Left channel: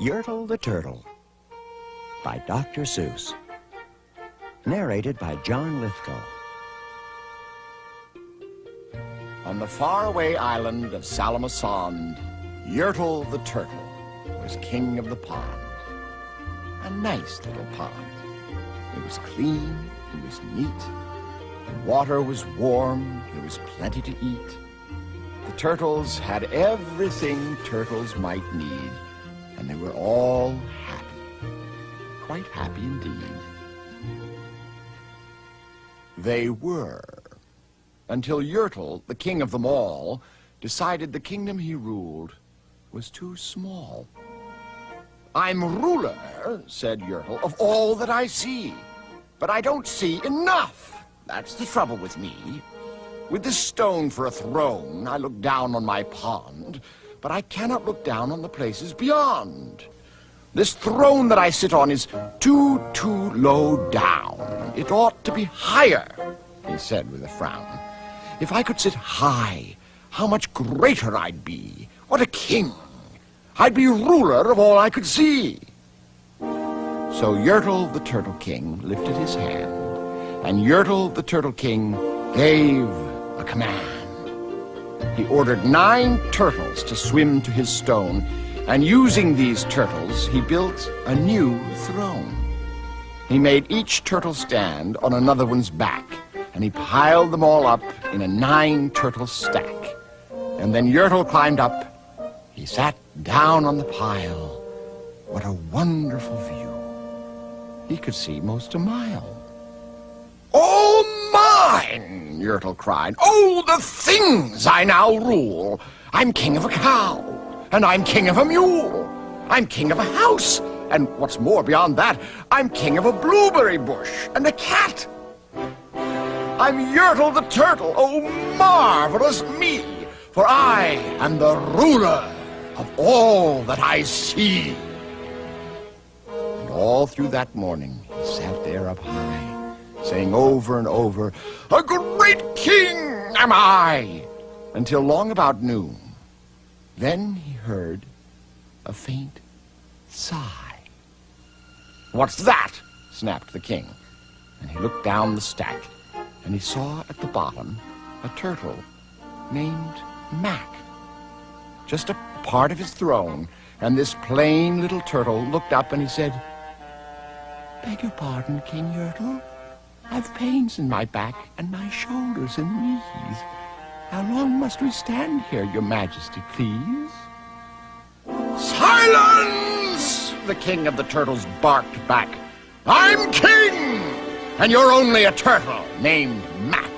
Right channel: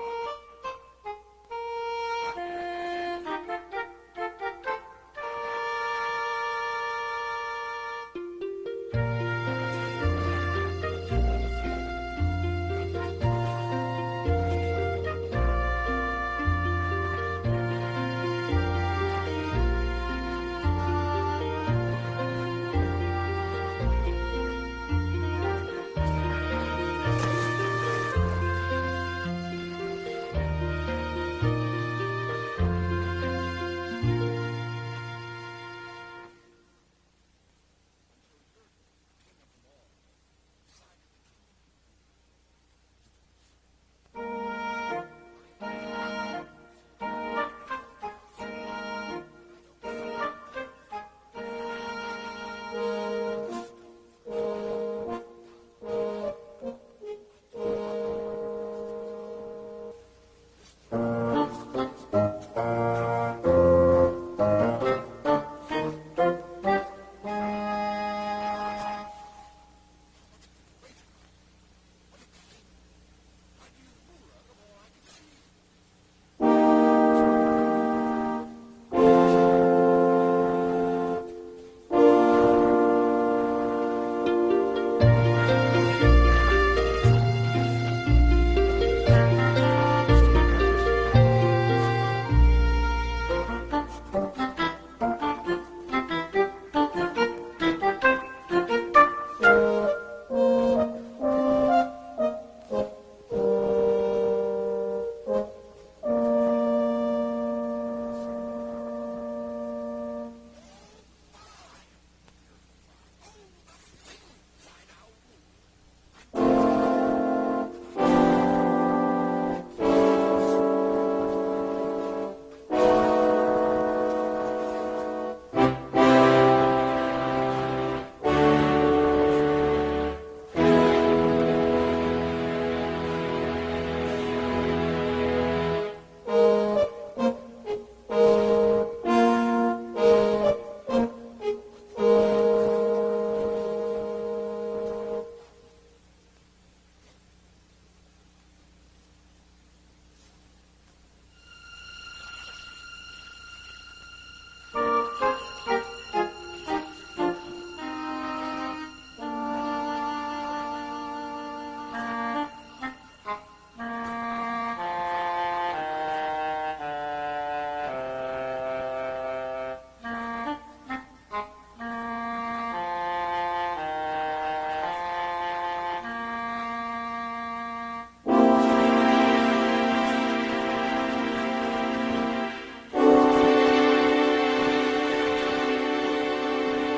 Yertle the Turtle by Dr. Seuss. Narrated by John Lithgow. On the faraway island of Salamasond, Yertle the Turtle was king of the pond. A nice little pond. It was clean, it was neat. The water was warm, there was plenty to eat. The turtles had everything turtles might need, and they were all happy, quite happy indeed. They were, until Yertle, the king of them all, decided the kingdom he ruled was too small. "I'm ruler," said Yertle, "of all that I see, but I don't see enough. That's the trouble with me. With this stone for a throne, I look down on my pond, but I cannot look down on the places beyond. This throne that I sit on is too low down. It ought to be higher," he said with a frown. "If I could sit high, how much greater I'd be. What a king! I'd be ruler of all I could see." So Yertle the Turtle King lifted his hand, and Yertle the Turtle King gave a command. He ordered 9 turtles to swim to his stone, and using these turtles, he built a new throne. He made each turtle stand on another one's back, and he piled them all up in a 9-turtle stack. And then Yertle climbed up. He sat down on the pile. What a wonderful view. He could see most a mile. "All mine!" Yertle cried. "Oh, the things I now rule! I'm king of a cow, and I'm king of a mule. I'm king of a house, and what's more beyond that, I'm king of a blueberry bush and a cat. I'm Yertle the Turtle, oh, marvelous me, for I am the ruler of all that I see." And all through that morning, he sat there up high, saying over and over, "A great king am I," until long about noon. Then he heard a faint sigh. "What's that?" snapped the king, and he looked down the stack, and he saw at the bottom a turtle named Mac. Just a part of his throne, and this plain little turtle looked up and he said, "Beg your pardon, King Yertle. I've pains in my back and my shoulders and knees. How long must we stand here, your majesty, please?" "Silence!" the king of the turtles barked back. "I'm king, and you're only a turtle named Mac.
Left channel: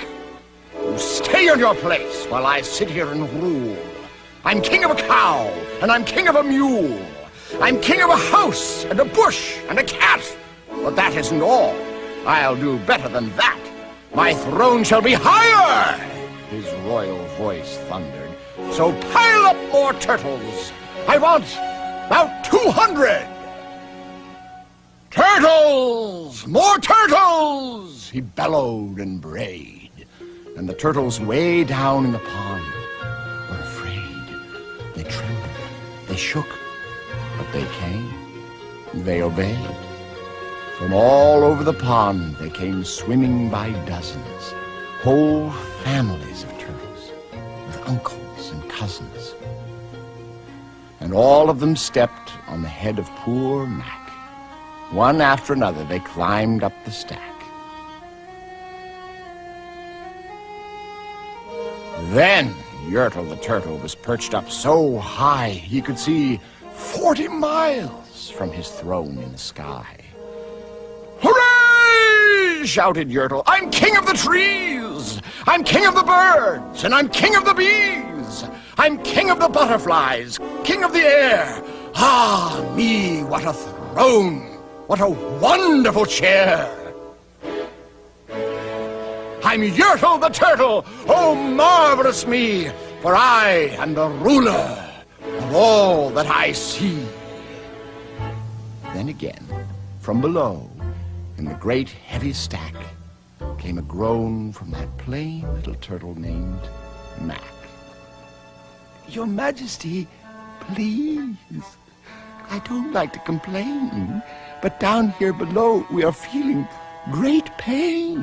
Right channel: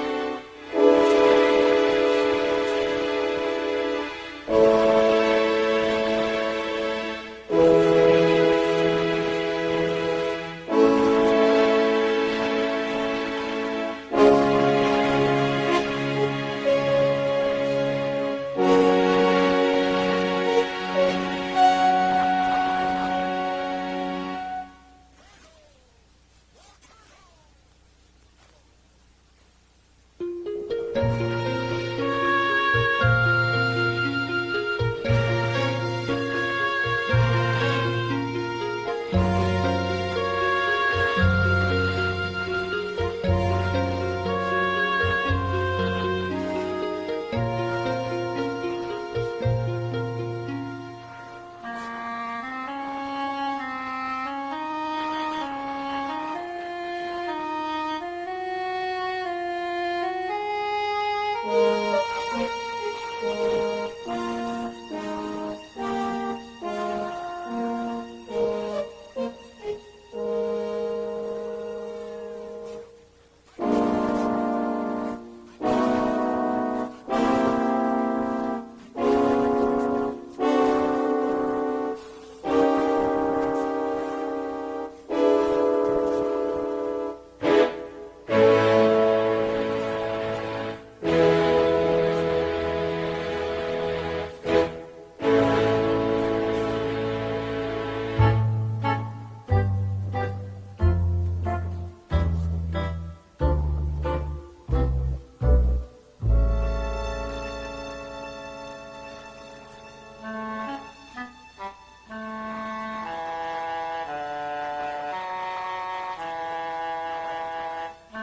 You stay in your place while I sit here and rule. I'm king of a cow, and I'm king of a mule. I'm king of a house, and a bush, and a cat. But that isn't all. I'll do better than that. My throne shall be higher!" His royal voice thundered. "So pile up more turtles. I want about 200. Turtles! More turtles!" he bellowed and brayed. And the turtles way down in the pond were afraid. They trembled, they shook, but they came, they obeyed. From all over the pond they came swimming by dozens, whole families of turtles, with uncles and cousins. And all of them stepped on the head of poor Mac. One after another they climbed up the stack. Then Yertle the Turtle was perched up so high he could see 40 miles from his throne in the sky. "Hooray!" shouted Yertle. "I'm king of the trees! I'm king of the birds! And I'm king of the bees! I'm king of the butterflies! King of the air! Ah, me, what a throne! What a wonderful chair! I'm Yertle the Turtle, oh, marvelous me, for I am the ruler of all that I see." Then again, from below, in the great heavy stack, came a groan from that plain little turtle named Mac. "Your Majesty, please, I don't like to complain, but down here below we are feeling great pain.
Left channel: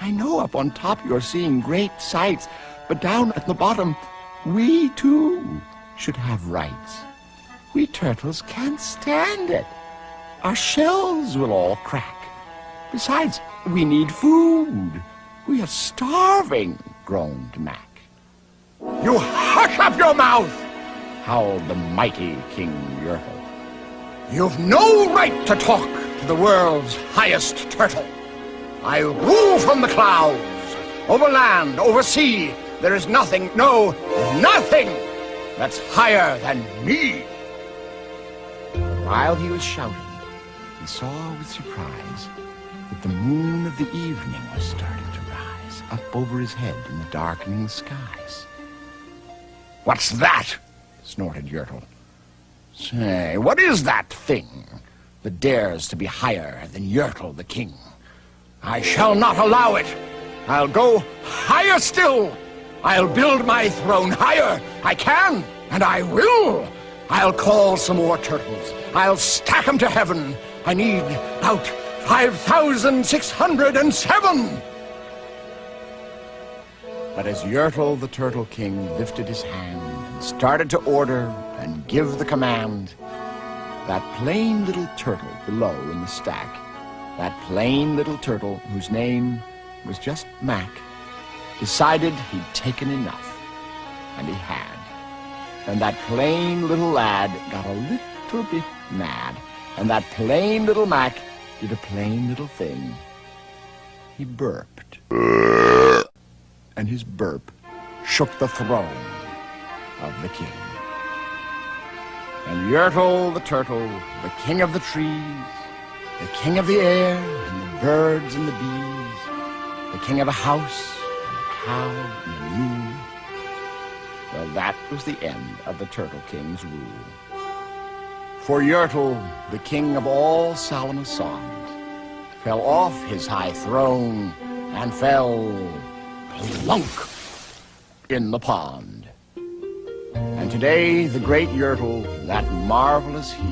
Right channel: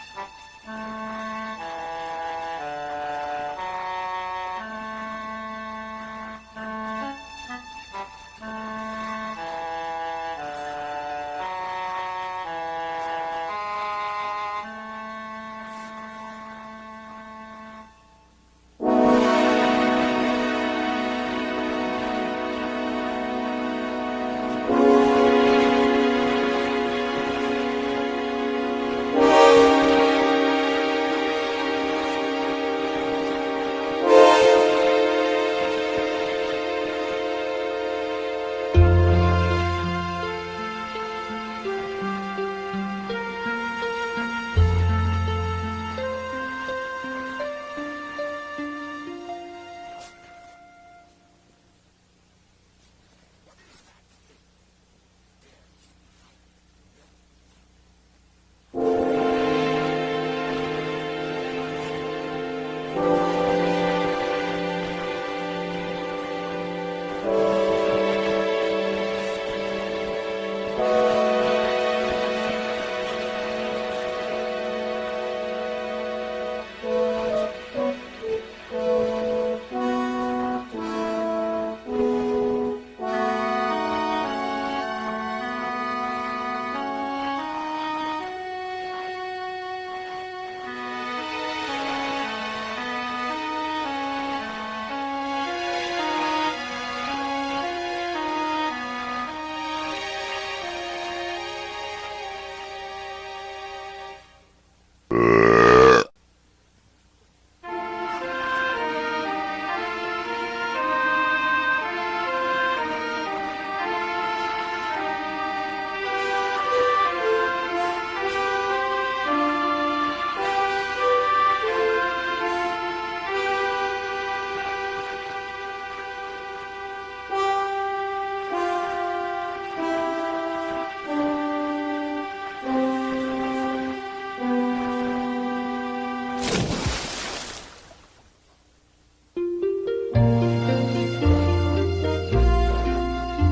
I know up on top you're seeing great sights, but down at the bottom, we too should have rights. We turtles can't stand it. Our shells will all crack. Besides, we need food. We are starving, groaned Mac. You hush up your mouth, howled the mighty King Yertle. You've no right to talk to the world's highest turtle. I rule from the clouds, over land, over sea. There is nothing, no, nothing that's higher than me. While he was shouting, he saw with surprise that the moon of the evening was starting to rise up over his head in the darkening skies. What's that? Snorted Yertle. Say, what is that thing that dares to be higher than Yertle the king? I shall not allow it. I'll go higher still. I'll build my throne higher. I can, and I will. I'll call some more turtles. I'll stack them to heaven. I need about 5,607. But as Yertle the Turtle King lifted his hand and started to order and give the command, that plain little turtle below in the stack, that plain little turtle whose name was just Mac, decided he'd taken enough, and he had. And that plain little lad got a little bit mad, and that plain little Mac did a plain little thing. He burped. And his burp shook the throne of the king. And Yertle the turtle, the king of the trees, the king of the air, and the birds and the bees, the king of the house, well, that was the end of the Turtle King's rule. For Yertle, the king of all solemn songs, fell off his high throne and fell plunk in the pond. And today, the great Yertle, that marvelous he,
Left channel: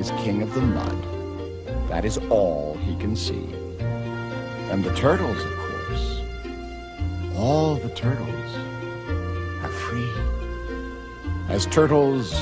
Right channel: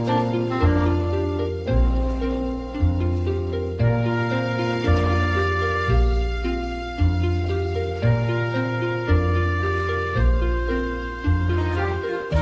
is king of the mud. That is all he can see. And the turtles, all the turtles are free. As turtles